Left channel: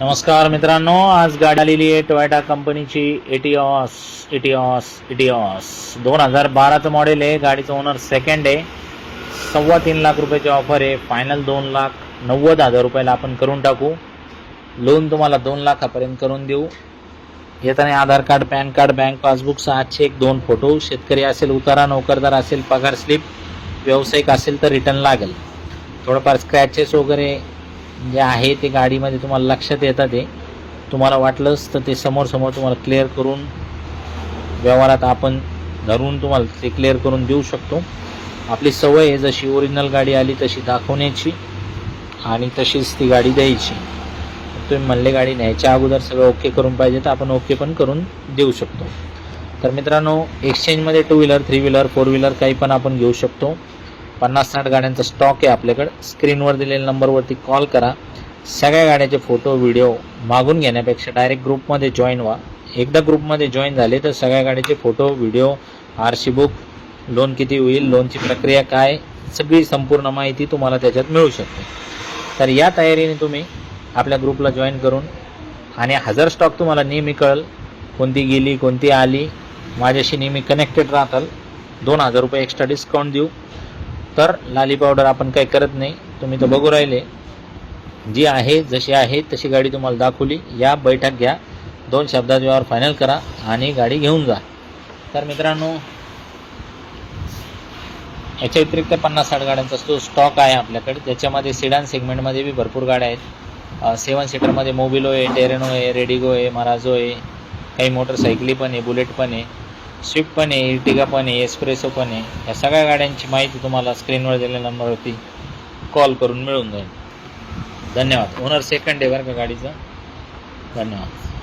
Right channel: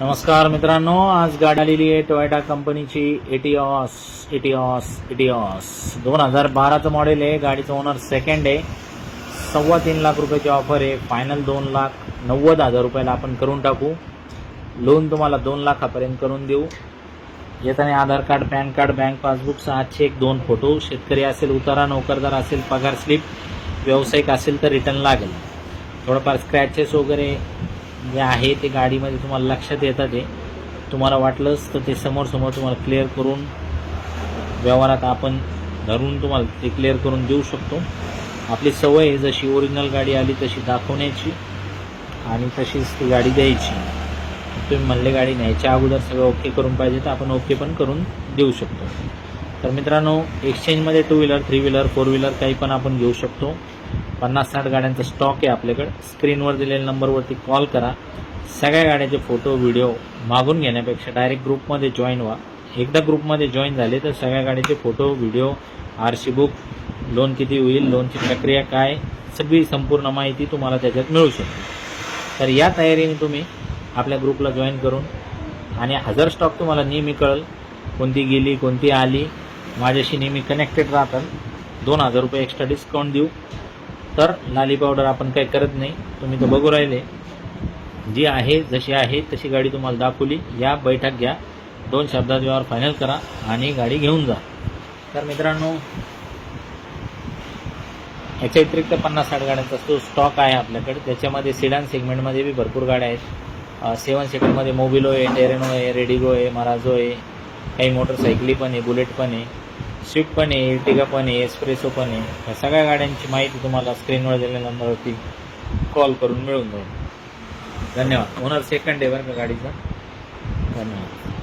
नमस्कार मित्रांनो, आज गाडी आलेली आहे टोयोटा कंपनीची एटिओस 2012चं मॉडेल आहे। गाडीचं ओनर सेकंड आहे। 3.25 लाख रुपयाची ऑफर आहे। फायनल 2,90,000 रुपयाला आपण करून टाकू। लोन तुम्हाला 2 लाखापर्यंत करून देऊ। येताना Aadhaar card, PAN card, bank passbook, 6 cheque, 2 photo, शेतकरी असेल उतारा, नोकरदार असेल पगार स्लिप, व्यावसायिक असेल तर रिटर्न लागेल। थोडंफार स्क्रॅचेस वगैरे जे आहे ते गाडीमध्ये तुम्हाला लक्षात येतात। ते तुम्हाला वाटलंच तर ते समोर तुम्हाला क्लिअर करून व्यवहारात आपण धरून तुम्हाला ते क्लिअर करून देऊ शकतो। आपली सवय आहे जशी ओरिजिनल गाडी आली तशी दाखवण्याची आणि तशीच ती गाडी द्यायची। तुम्ही म्हणले गाडी न्यायच्या अगोदर सगळं ओके करून पाहिजे तर आपण ओके पण करून देऊ शकतो। तर मित्रांनो, एक्सचेंजमध्ये 2 व्हीलर, 3 व्हीलर, 4 व्हीलर काही पण आपण घेऊ शकतो। 50-60 गाड्यांचा स्टॉक आहे आपल्याकडे। स्क्रीनवर दिलेल्या नंबरवरती कॉल करा। सगळ्या गाड्याचे फोटो व्हिडिओ मागून घेण्यापेक्षा डायरेक्ट ग्रुपमध्ये जॉईन व्हा। एकदा ग्रुपमध्ये जॉईन झाले तर सगळ्या गाड्याचे photo video, RC book, loan किती होईल, लोनची प्रक्रिया काय, सगळी संपूर्ण माहिती तुम्हाला त्याच्यात मिळू शकते। तर या तयारीने तुम्ही आपल्या ग्रुपला जॉईन करून आणि 1000 स्टॉक तुम्हाला नेहमी कळेल, कोणती गेली कोणती आली, माझ्याशी नेहमी कनेक्टेड राहताल। 2,000 रुपये एक्स्ट्रा डिस्काउंट देऊ। तर लाली पावडर आपण काही करत नाही। तुम्ही तर बघू राहिले, जी आहे जशी आहे तशी गाडी तुम्हाला दाखवली। या बैठक घ्या, 2 शब्दात व्यवहार फायनल करा आणि गाडी घेऊन जा। तर मित्रांनो, याच्या व्यतिरिक्त 50-60 गाड्यांचा तो स्टॉक आहे आपल्याकडे। त्याच्यामध्ये सिडान सेगमेंटमध्ये बी भरपूर गाड्या आहेत। 7 सीटरमध्ये मोबिलो आहे, टेरेनो आहे, रेडिगो आहे, मराझो आहे, काही मोटरसायकली पण आहे, बुलेट पण आहे, स्विफ्ट पण आहे, इर्टिगा पण आहे, एस्प्रेसो पण आहे। या सगळ्या गाड्यांची माहिती तुम्हाला स्क्रीनवर दिलेल्या नंबरवरती कॉल करून मिळून जाईल। धन्यवाद। ओनर सेकंड आहे बरं का गाडीचा। धन्यवाद।